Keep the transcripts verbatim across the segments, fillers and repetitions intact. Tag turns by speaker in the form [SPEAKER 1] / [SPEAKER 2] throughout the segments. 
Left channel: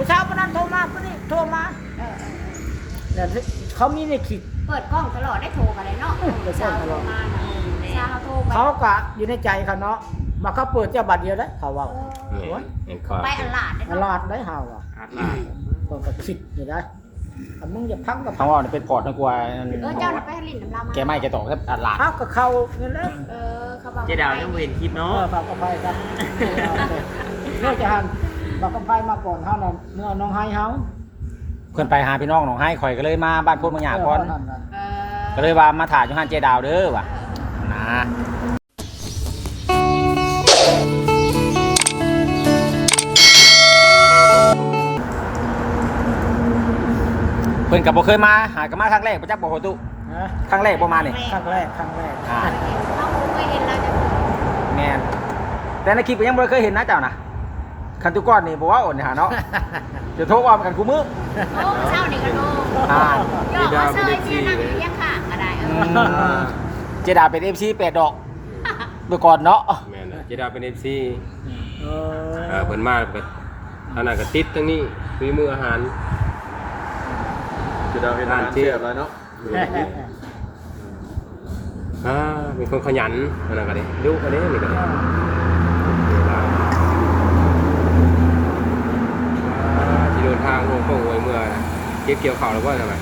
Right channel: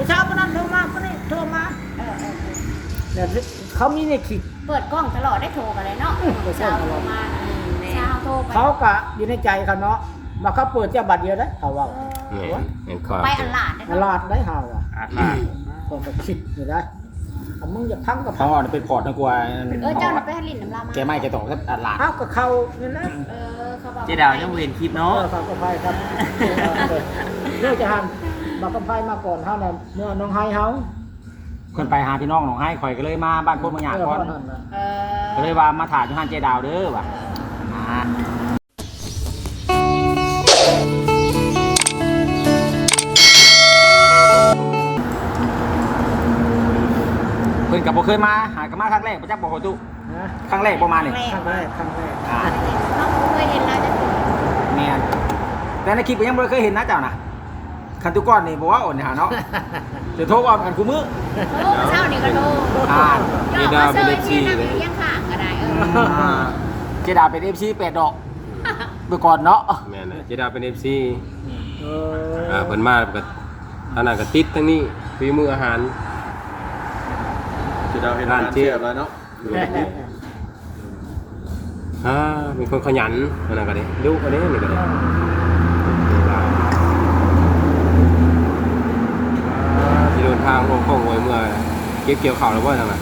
[SPEAKER 1] เช้าวันนั้นโทรมาคนนี้โทรมาเออเออเนี่ยเขามีในคลิป
[SPEAKER 2] เปิดกล้องตลอดได้โทรกันเลยเนาะเช้าโทรมานะเช้าโทรไป
[SPEAKER 1] เขาก็อยู่ในใจเขาเนาะมาเขาเปิดเจ้าบัตรเดียวได้เขาว่า
[SPEAKER 2] ไปอันหลาดได้
[SPEAKER 1] ตลาดได้เฮาอ่ะคนก็คิดอยู่ได้ถ้ามึงอย่าพังกับ
[SPEAKER 3] เขาว่าเป็นพอร์ตนะกลัว
[SPEAKER 2] เออเจ้าน่ะไปลินน้ำลามา
[SPEAKER 3] แกไม่แกต่อแค่อัดหลาด
[SPEAKER 1] พักกับเขานี่แหละ
[SPEAKER 2] เออเขาบอก
[SPEAKER 4] เจดาวยังเห็นคลิป
[SPEAKER 1] เอ
[SPEAKER 4] เนาะ
[SPEAKER 1] อฝากกับไฟครับเรื่องจะหันบอกกับไฟมาก่อนเฮาน่ะเมื่อน้องไฮเฮา
[SPEAKER 3] เพื่อนไปหาพี่น้องหนองให้ข่อยก็เลยมาบ้านพวกมังหยาก่อน
[SPEAKER 2] เออ
[SPEAKER 3] ก็เลยว่ามาถ่ายจุฮันเจดาวเด้อว่ะนะเพื่อนกับบ่เคยมาหากันมาครั้งแรกประจักษ์บ่โหตุ
[SPEAKER 1] นะ
[SPEAKER 3] ครั้งแรกบ่มานี่
[SPEAKER 1] ครั้งแรกครั้งแรก
[SPEAKER 3] อ่า
[SPEAKER 2] น้องเคยเห็นแล้วจะ
[SPEAKER 3] แม่นแต่ในคลิปก็ยังบ่เคยเห็นนะเจ้านะคันตุก้อนนี่บ่ว่าอ่อนนี่หาเนาะเดี๋ยวโทรว่ากันกูมื้อ
[SPEAKER 2] โทรมาเช้านี่ก็โทร
[SPEAKER 3] อ่า
[SPEAKER 2] ยอดมาเซยที่นั่งอยู่เลี้ยงข้างก็ได้เออ
[SPEAKER 3] เจดาวเป็น เอฟ ซี แปดดอกเมื่อก่อนเนาะ
[SPEAKER 5] แม่นเจดาเป็น เอฟ ซี
[SPEAKER 1] เอ
[SPEAKER 5] เอ่อ
[SPEAKER 1] อ
[SPEAKER 5] เพิ่นมาก็ทางนั้นก็ติดทั้งนี้ฝีมืออาหาร
[SPEAKER 6] จะเราเห็นร้านเสียบแล้วเนาะ
[SPEAKER 5] อ่าเป็นคนขยันอันนั้นก็ได้ดุอันนี้นี่ก็ได้ที่เดินทางโค้งๆไว้เมื่อเก็บเกี่ยวข้าวแล้วบ่ทางนั้น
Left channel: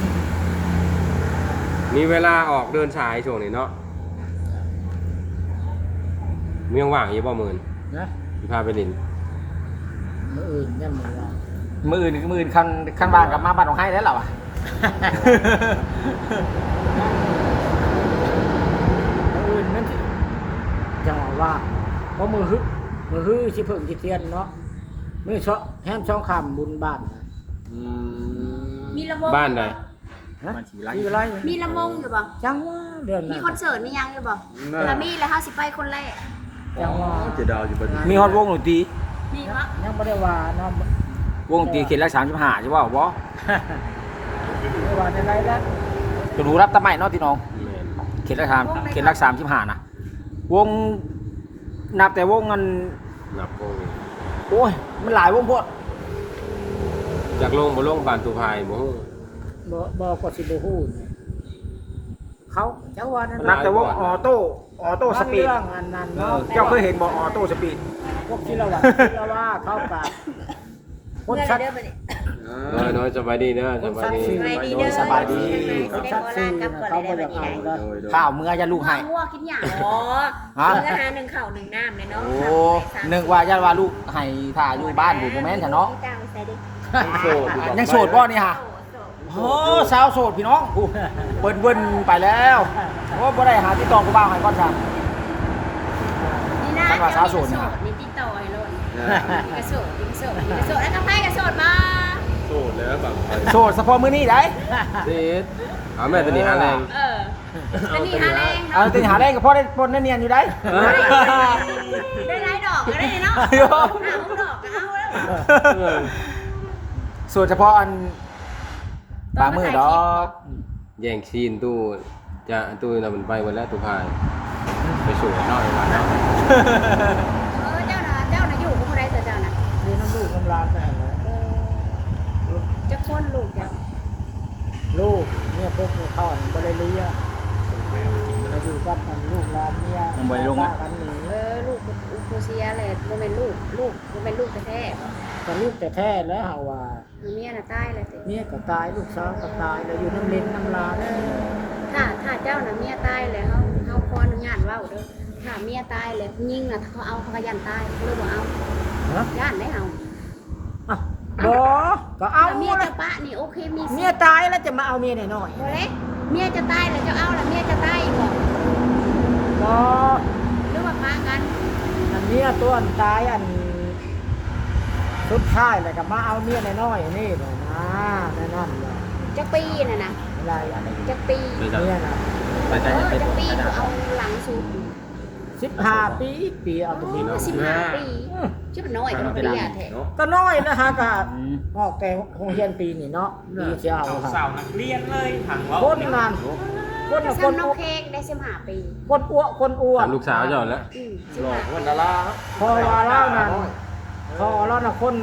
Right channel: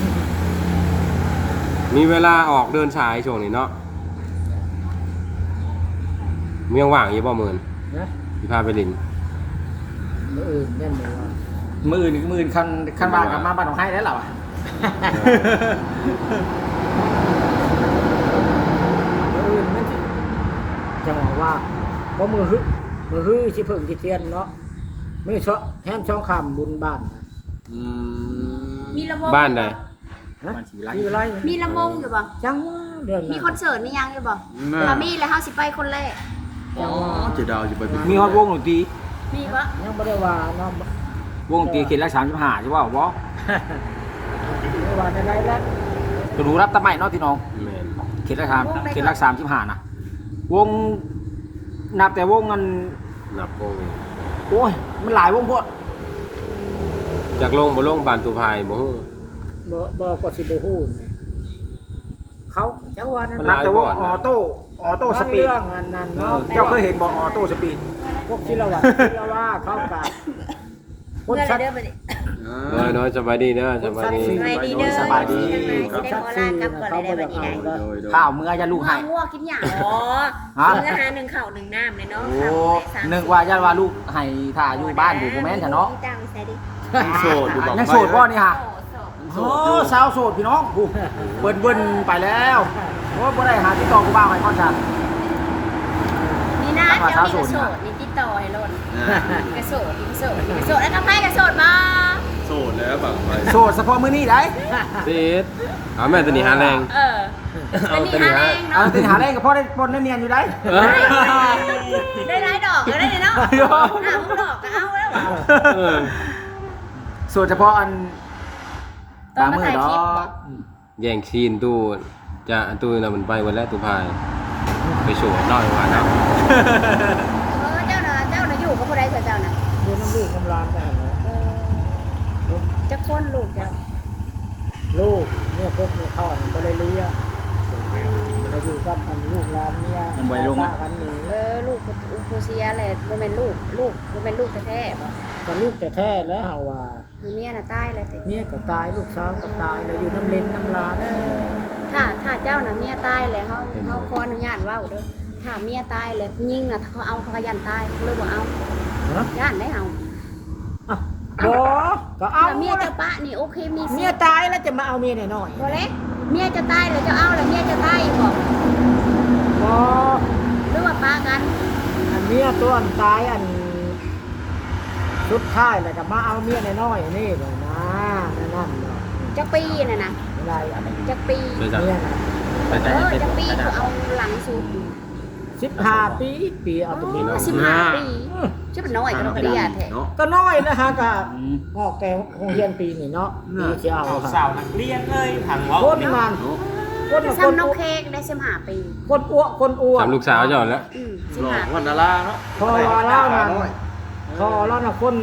[SPEAKER 5] มีเวลาออกเดินสายช่วงนี้เนาะมียังว่างอยู่บ่มื้อนี้
[SPEAKER 1] นะ
[SPEAKER 5] สิพาไปลิน
[SPEAKER 1] มืออื่นเนี่ยมือว่า
[SPEAKER 3] มืออื่นมืออื่นคันคันบ้านกลับมาบ้านของให้ได้หรอวะ
[SPEAKER 1] มืออื่นมันสิจะว่าเพราะมือฮึมือฮึสิเพิ่งสิเทียนเนาะมือชอแฮมช่องคำบุญบ้านนะ
[SPEAKER 6] อืม
[SPEAKER 2] มีลำวง
[SPEAKER 5] บ้านใด
[SPEAKER 1] ฮะมีอะไร
[SPEAKER 2] มีลำวงอยู่บ่
[SPEAKER 1] จังเรื่อง
[SPEAKER 2] มีคอนเสิร์ตมียังอยู่บ่ถ้ามีแล้วเฮาสิไปคนแรก
[SPEAKER 1] จังว่า
[SPEAKER 6] เจดาวจะไป
[SPEAKER 3] มีฮอตวงดนตรี
[SPEAKER 2] มีบ่
[SPEAKER 1] ยังไม่ได้ว่าเนาะ
[SPEAKER 3] วงดนตรีเขตละสามสิบห้าใช่ป่าวบ่
[SPEAKER 1] ไม่ได้ว่าอะไรแล้ว
[SPEAKER 3] ก็รู้รับตะไม้เนาะที่น้อง
[SPEAKER 5] แม่น
[SPEAKER 3] เขตละสามเขตละสามสิบห้านะวงนับแต่วงมัน
[SPEAKER 5] นับโค้ง
[SPEAKER 3] โอ้ยมันหลายวงโพด
[SPEAKER 5] จากลงบ่ลงบ้านตูพายบ่ฮู้
[SPEAKER 1] บ่บอกก็สิบ่ฮู้นะเขาจังว่านั่น
[SPEAKER 3] มันนับแต่วงออโต้ออโต้สปีด
[SPEAKER 1] เรื่องอันนั้น
[SPEAKER 3] เอ
[SPEAKER 1] เนาะ
[SPEAKER 3] อเจ้าเคยเห็นบ่ออโต้สปีด
[SPEAKER 1] พวกที่เราว่าที่เราว่าเขาปากคนชัด
[SPEAKER 5] น้อยน้อยสบายดีเด้อสบายดี
[SPEAKER 3] โดยสบายดี
[SPEAKER 1] คนชัดซีนะเขาบ่ได้เอาได้
[SPEAKER 3] ข้าวเมื่อจะลูกให้
[SPEAKER 2] งัวกินหยัง
[SPEAKER 7] อ๋อ
[SPEAKER 3] ฮะ
[SPEAKER 7] ซื้ออาหารหนึ่งเข่าวหนึ่งน้ำเลยเนาะ
[SPEAKER 3] โอ้นึกว่าญาติว่าลูกให้ถ่าอยู่บ้านบุบ่แม่นซะเนาะ
[SPEAKER 7] จ้างใส่ดิ
[SPEAKER 6] โสดอยู่บอก
[SPEAKER 3] ยังโสดบ่นี่ฮะโอ้สาวโสดพี่น้องกูเบิ่นเบิ่นไปแล้วโอ้บ่ได้หาติดต่อกูบ้างให้ก่อนจ้ะ
[SPEAKER 2] นี่นะเจ้านี่ก็โสดนี่ติดต่อให้โลดนี่ก็โสดนี่ก็โสดนี่ก็โสดแล้วทำไมก็โสดมา
[SPEAKER 6] โสดแล้วแบบไป
[SPEAKER 3] โสดเฉพาะมื้อนี้ได้
[SPEAKER 5] สิเอาแม่ตัวนี้หาแรง
[SPEAKER 2] เออเป็นนี่หาแรง
[SPEAKER 3] เอา
[SPEAKER 2] เนาะ
[SPEAKER 3] ติหาได้ก็พอได้ปนได้เนียนอยู่ได้
[SPEAKER 2] ได้หลายดอกอยู่ได้เนาะหาพวกดอกก็เอาแล้วว่ะ
[SPEAKER 5] เออ
[SPEAKER 3] โสดเฉพาะอันตามมื้อดอก
[SPEAKER 5] แย่งซีนตู้จะตู้น่ะมันไปวันแรกตูพายไปสวยน้อยว่าเนาะ
[SPEAKER 2] เออเจ้าน่ะเจ้าน่ะอยู่กับผู้ใดเถอะเจ้าน่ะ
[SPEAKER 1] ดูน้ำลูกน้ำลานได้เหรอ
[SPEAKER 2] เออจะคนลูกเจ้า
[SPEAKER 1] ลูกเนี่ยพวกเนี่ยพ่อมันก็เลยเลี้ยงเราอยู่กับมันลูกหลานเนี่ยกันหนี
[SPEAKER 2] เออลูกอุปเซียเลยบ่แม่นลูกลูกบ่แม่นลูกแท้ๆบ่
[SPEAKER 1] แต่ลูกแต่แท้แล้วหาว่า
[SPEAKER 2] เมียน่ะตายแล้วสิ
[SPEAKER 1] เนี่ยก็ตายลูกสาวก็ตายเลยอยู่น้ำเลนน้ำลาน
[SPEAKER 2] เออถ้าถ้าเจ้าน่ะเมียตายเลยเฮาเฮาขออนุญาตเว้าเด้อถ้าเมียตายเลยยิงน่ะเขาเอาเขาก็ยันตายเลยบ่เอา
[SPEAKER 1] ฮะ
[SPEAKER 2] ย่านได้เอา
[SPEAKER 1] บ่ก็เอา
[SPEAKER 2] ถ้าเมียเจ้าปะนี่โอเคมีสิ
[SPEAKER 1] เมียตายแล้วจะมาเอาเมียหน่อย
[SPEAKER 2] บ่เลยเมียจะตายแล้วเจ้าเอาแล้วเมียจะตายอีกบ่
[SPEAKER 1] บ่
[SPEAKER 2] หรือว่าปากัน
[SPEAKER 1] เมียตัวอันตายอันสุดท้ายแล้วก็มาเอาเมียน้อยๆนี่เลยนะนั่นนั่นเลย
[SPEAKER 2] จักปีน่ะนะ
[SPEAKER 1] ไม่ได้อันนี้
[SPEAKER 2] จักปี
[SPEAKER 5] นี่ก็
[SPEAKER 1] เมียนะ
[SPEAKER 5] ไป
[SPEAKER 2] เอ
[SPEAKER 5] ใช้
[SPEAKER 2] อ
[SPEAKER 5] เป็น
[SPEAKER 2] จักปี
[SPEAKER 5] กระดาษ
[SPEAKER 2] เอาหลังสุด
[SPEAKER 1] สิบห้าปีปีเอาตรงนี้
[SPEAKER 2] สิบห้าปีชื่อน้อยก็บ่ได้ยาแท้
[SPEAKER 6] เนาะ
[SPEAKER 1] ก็น้อยนะฮะก็ออกแต่โรงเรียนปีนี่เนาะปีเชียว
[SPEAKER 4] สาวนักเรียนเลยถังว่า
[SPEAKER 1] คนงานคนคน
[SPEAKER 2] ซ้ำน้องเค้กได้สิบห้าปี
[SPEAKER 1] คนอ้วนคนอ้วน
[SPEAKER 5] สามลูกสาวจอดแล้ว
[SPEAKER 2] อืม
[SPEAKER 6] หลอกวันดาราเนาะ
[SPEAKER 1] พอว่าเล่านั่นพอเล่าน่ะคนเค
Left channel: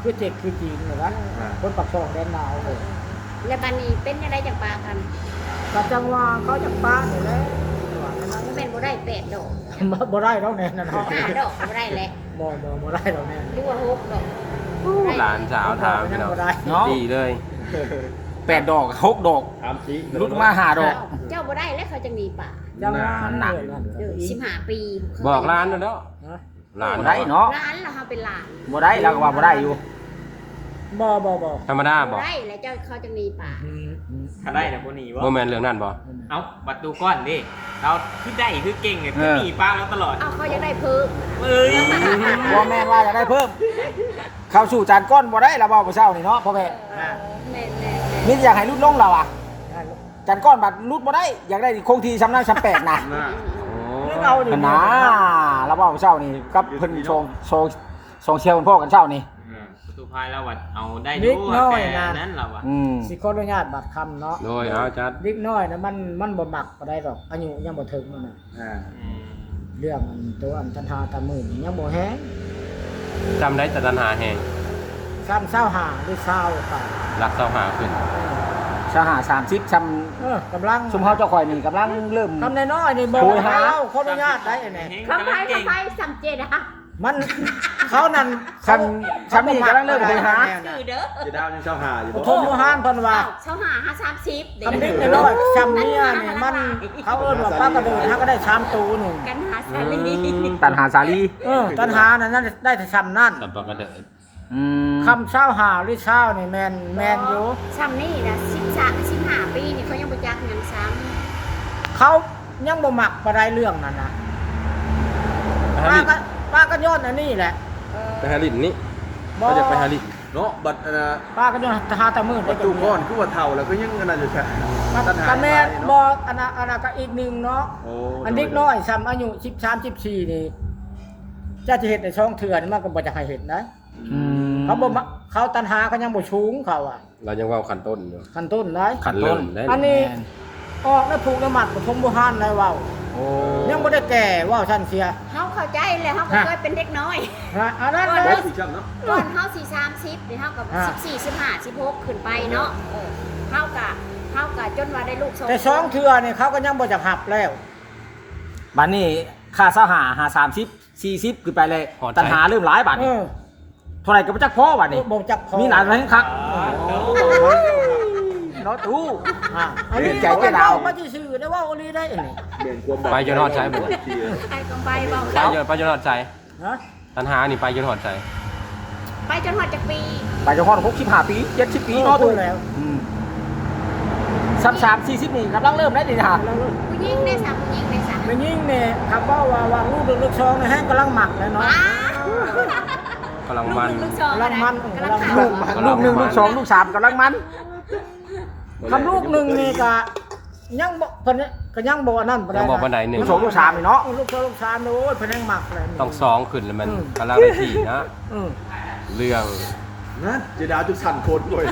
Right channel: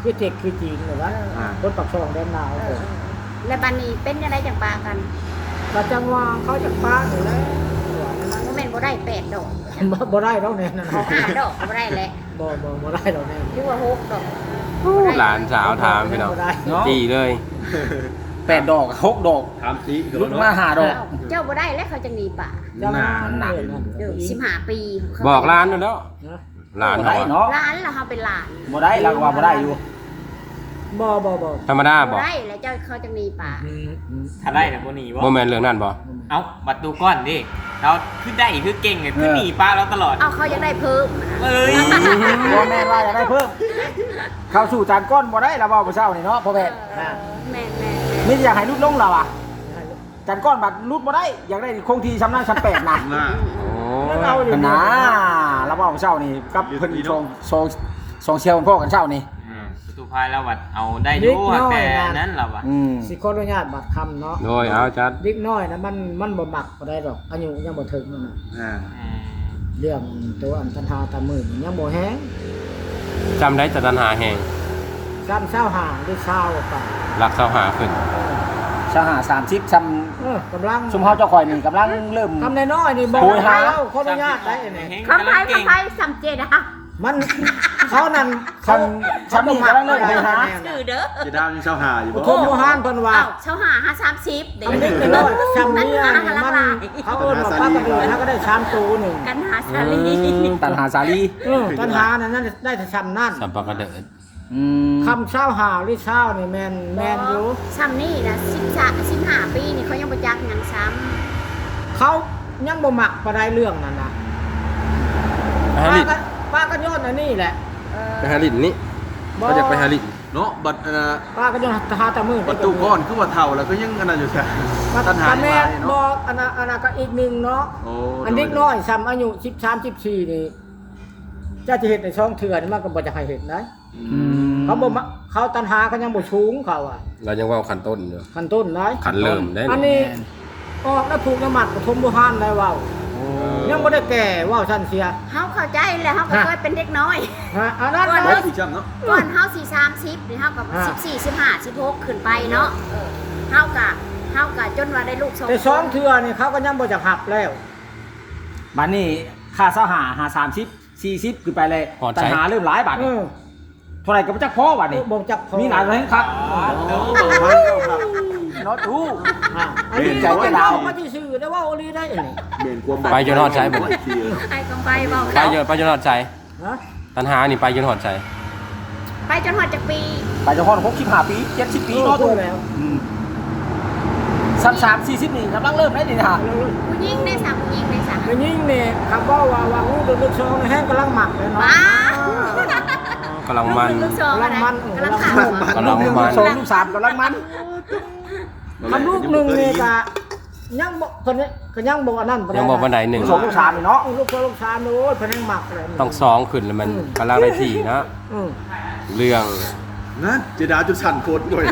[SPEAKER 1] คือเจ็กคือจีนแบบว่าคนปักช่องแดนดาว
[SPEAKER 2] เออแล้วบัดนี้เป็นจังไดจังปากัน
[SPEAKER 1] ก็จังว่าเขาจะป้าหนูแล้วหวานนะ
[SPEAKER 2] บ่แม่นบ่ได้แปดดอก
[SPEAKER 1] บ่บ่ได้แล้วแน่นอน
[SPEAKER 2] ห้าดอกก็บ่ได้แหละ
[SPEAKER 1] บ่บ่บ่ได้แล้วแน่
[SPEAKER 2] หรือว่าหกดอก
[SPEAKER 5] หลานสาวถามพี่น้อง
[SPEAKER 1] บ่ได้
[SPEAKER 3] เนาะ
[SPEAKER 5] จี้เลย
[SPEAKER 3] แปดดอกหกดอก
[SPEAKER 6] ถามสิ
[SPEAKER 3] ลุกมาหาดอก
[SPEAKER 2] เจ้าบ่ได้แล้วเขาจะหนีป่า
[SPEAKER 1] จังว่าเลยนะ
[SPEAKER 2] เด้อสิบห้าปีเขา
[SPEAKER 5] บอกร้านนั่นแล้ว
[SPEAKER 1] นะ
[SPEAKER 5] หลาน
[SPEAKER 3] บ่ได้
[SPEAKER 5] เนาะ
[SPEAKER 3] เนาะ
[SPEAKER 2] ร้านแล้วเฮาเป็นหลาน
[SPEAKER 3] บ่ได้เราก็ว่าบ่ได้อยู่
[SPEAKER 1] บ่บ่บ่
[SPEAKER 5] ธรรมดา
[SPEAKER 2] บ่
[SPEAKER 5] บอก
[SPEAKER 2] ได้แล้วเจ้าเขาจะหนีป่า
[SPEAKER 1] อืมอืม
[SPEAKER 4] ถ้าได้แต่บ่หนีบ่
[SPEAKER 5] โมเมนต์เรื่องนั้นบ่
[SPEAKER 4] เอ้าบัตรตูก้อนดิเราคือได้คือเก่งเนี่ยคือหนีป้าเราตลอด
[SPEAKER 2] เอาเขาจะได้เพิ่ม
[SPEAKER 4] เอ้ย
[SPEAKER 3] บ่แม่นว่าอยากได้เพิ่ม เข้าสู่จานก้อนบ่ได้ละบ่ผู้เช้านี่เนาะพ่อแม่
[SPEAKER 2] เออแม่นแม่น
[SPEAKER 3] มีแต่อยากให้ลุดลงเราอ่ะจานก้อนบัดลุดบ่ได้อยากได้คงที่ซ้ำนั้นซ้ำแปดนะ
[SPEAKER 6] น่า
[SPEAKER 5] โอ้
[SPEAKER 1] เอาดิ
[SPEAKER 3] เพิ่นนะละบ่ผู้เช้านี่กับเพิ่นชงชงชงเชียวกันพ่อกันเช้านี่
[SPEAKER 4] ประตูพายเราบัดเอาได้ดูแต่นั้นเราอะ
[SPEAKER 3] อืม
[SPEAKER 1] สิขออนุญาตบัตรคำเนาะ
[SPEAKER 5] โดยเอาจัด
[SPEAKER 1] เล็กน้อยนะมันมันบ่มักบ่ได้ดอกอายุยังบ่ถึงนั่นน่ะ
[SPEAKER 6] อ่า
[SPEAKER 1] เรื่องตัวอันตันหาตามื่นยังบ่แห้ง
[SPEAKER 5] จำได้แต่ตันหาแหง
[SPEAKER 1] ซ้ำเศร้าหาหรือเศร้าไป
[SPEAKER 5] รักเศร้าหาขึ้น
[SPEAKER 3] สหาสามสิบช
[SPEAKER 1] เออกำลัง
[SPEAKER 3] ำชุมเฮาเจ้าข่อยนี่กำลังเริ่ม
[SPEAKER 1] คำน้อยๆนี่บอก
[SPEAKER 3] โอ้ยหา
[SPEAKER 1] เราขออนุญาตได้ไหม
[SPEAKER 2] คำไผคำไผสำเจดอะ
[SPEAKER 1] มันเขานั่น
[SPEAKER 3] คันคันนี้กำลังเริ่มไปหา
[SPEAKER 2] ชื่อเด้อ
[SPEAKER 6] จะได้ยังเช่าหาอยู่
[SPEAKER 1] โอ้
[SPEAKER 6] บ่
[SPEAKER 1] โทษโมหานเพิ่นว่า
[SPEAKER 2] เอ้าเช้าหาห้าสามสิบเด็ก
[SPEAKER 1] คำนี้น้อยๆซ้ำเนี่ยนี่มันเขาเอิ้นว่าป้ากระดูกเขาก็ได้ชามตูหนึ่ง
[SPEAKER 2] กันหาชาลี
[SPEAKER 3] ตันหาสาลี
[SPEAKER 1] เออตันหานั่นนั่นได้แต่ชำนั่น
[SPEAKER 5] สัมปะกระเดิด
[SPEAKER 3] อืม
[SPEAKER 1] คำเศร้าหาหรือเศร้านี่แมนแมนอยู่
[SPEAKER 2] ซ้ำนี่นะสิบสามสิบห้าปีนี่เขายังบ่จักหยังซ้
[SPEAKER 1] เขายังบ่มักบ่ได้เรื่องนั่นนะ
[SPEAKER 5] ไปฮา
[SPEAKER 1] ป้า
[SPEAKER 5] ริด
[SPEAKER 1] ก็ป้าก็ย้อนอันนี้แหละ
[SPEAKER 2] ำเออ
[SPEAKER 5] ไปฮาริดนี่เขาจะไปฮาริด
[SPEAKER 6] เนาะบัตรอันน่ะ
[SPEAKER 1] ป้าก็ย้อนหาตามือ
[SPEAKER 6] ประตูก้อนคือว่าเท่าแล้วก็ยังอันนั้นอยู่แท้
[SPEAKER 1] ป้า
[SPEAKER 6] ตันหา
[SPEAKER 1] ก็แม่
[SPEAKER 6] เนาะ
[SPEAKER 1] บอกอันนั้นอันนั้นก็อีกหนึ่งเนาะ
[SPEAKER 6] โอ้
[SPEAKER 1] อันเด็กน้อยซ้ำอายุสิบสามสิบสี่นี่เจ้าจะเห็นในช่องเถื่อนมันก็บ่จะให้เห็นนะ
[SPEAKER 3] อืม
[SPEAKER 1] เขาบ่มาเขาตันหาเขายังบ่ชูงเขาอ่ะ
[SPEAKER 5] เรายังว่าขันต้นอยู่
[SPEAKER 1] ขั้นต้นนะ
[SPEAKER 5] ขันเริ่มได้
[SPEAKER 1] อันนี้ออกแล้วผูกน้ำมัดปฐมบุหานได้เว้า
[SPEAKER 3] โอ้
[SPEAKER 1] ยังบ่ได้แก่เว้าซั่นเสีย
[SPEAKER 2] เฮาเข้าใจแล้วเฮาก็เคยเป็นเด็กน้อย
[SPEAKER 1] ฮะอันนั้น
[SPEAKER 2] ก่อน
[SPEAKER 1] เล
[SPEAKER 6] ไว้
[SPEAKER 1] ย
[SPEAKER 6] สิจังเนาะ
[SPEAKER 2] ก่อนเฮาสี่สามสิบนี่เฮากับ
[SPEAKER 1] อ่า
[SPEAKER 2] สิบสี่สิบห้าสิบหกขึ้นไปเนาะเออเฮากะเฮากะจนว่าได้ลูกสอง
[SPEAKER 1] แต่สองเทื่อนี่เขาก็ยังบ่จะหับแล้ว
[SPEAKER 3] บัดนี้ค่าเช้าหาหาสามสิบสี่สิบขึ้นไปเลยตันหาเริ่มหลายบาท
[SPEAKER 1] เอ
[SPEAKER 3] นี่
[SPEAKER 1] อ
[SPEAKER 3] เท่าไหร่ก็บ่จักพอบัดนี้
[SPEAKER 1] บ่จักพอ
[SPEAKER 3] มีหลานไหมครับ
[SPEAKER 1] เนาะตู้อ่าอัน
[SPEAKER 3] เรี
[SPEAKER 1] นี้
[SPEAKER 3] ยนใจ
[SPEAKER 1] ใจ
[SPEAKER 3] เจ๊
[SPEAKER 1] เจ๊
[SPEAKER 3] ดา
[SPEAKER 1] ดาว วมาที่ชื่อได้ว่าโอลีได้อันนี้
[SPEAKER 6] เปลี่ยนความ
[SPEAKER 5] ไปจนฮอดใช้บ่ได้
[SPEAKER 2] ไอ้กองไปบอก
[SPEAKER 5] ไป
[SPEAKER 2] เขา
[SPEAKER 5] จนไปจนฮอดใจ
[SPEAKER 1] นะ
[SPEAKER 5] ตันหานี่ไปจนฮอดใจ
[SPEAKER 2] ไปจนหอดจากปี
[SPEAKER 3] ไปเจ้าพ่อหกสิบห้าปีเจ็ดสิบปีเนาะ
[SPEAKER 1] ตู้
[SPEAKER 3] ตู้
[SPEAKER 1] แล้ว
[SPEAKER 3] อืมสามสามสี่สิบนี่กำลังเริ่มได้นี่นะฮะ
[SPEAKER 2] ผู้หญิงได้สามผู้หญิงได้สาม
[SPEAKER 1] แล้วยิ่งเนี่ยคำว่าว่าว่าลูกเด็กลูกชองแห้งกำลังหมักแล้วเนาะ
[SPEAKER 2] ว้าก
[SPEAKER 5] ำลัง
[SPEAKER 2] ลูก
[SPEAKER 5] มัน
[SPEAKER 2] หนึ่งลูกสอง
[SPEAKER 1] กำลังมัน
[SPEAKER 2] กำลังขาว
[SPEAKER 5] กำลั
[SPEAKER 3] ลู
[SPEAKER 5] ง
[SPEAKER 3] กหนึ่ง
[SPEAKER 5] มั
[SPEAKER 3] ลู
[SPEAKER 5] น
[SPEAKER 3] กสองลูกสามกำลังมัน
[SPEAKER 1] คำลูกหนึ่งนี่ก็ยังบ่เพิ่นก็ยังบ่อันนั้น
[SPEAKER 5] ยังบอกบันไดหนึ่ง
[SPEAKER 3] ลูกสองลูกสามนี่เนาะ
[SPEAKER 1] ลูกสองลูกสามโอ้ยเพิ่นแห้งหมักเลย
[SPEAKER 5] ต้องสองขึ้นแล้วมันกำลังได้ที่นะ
[SPEAKER 1] อืม
[SPEAKER 5] เรื่อง
[SPEAKER 6] นั่นเจดาจุดสั่นโคตรด้วย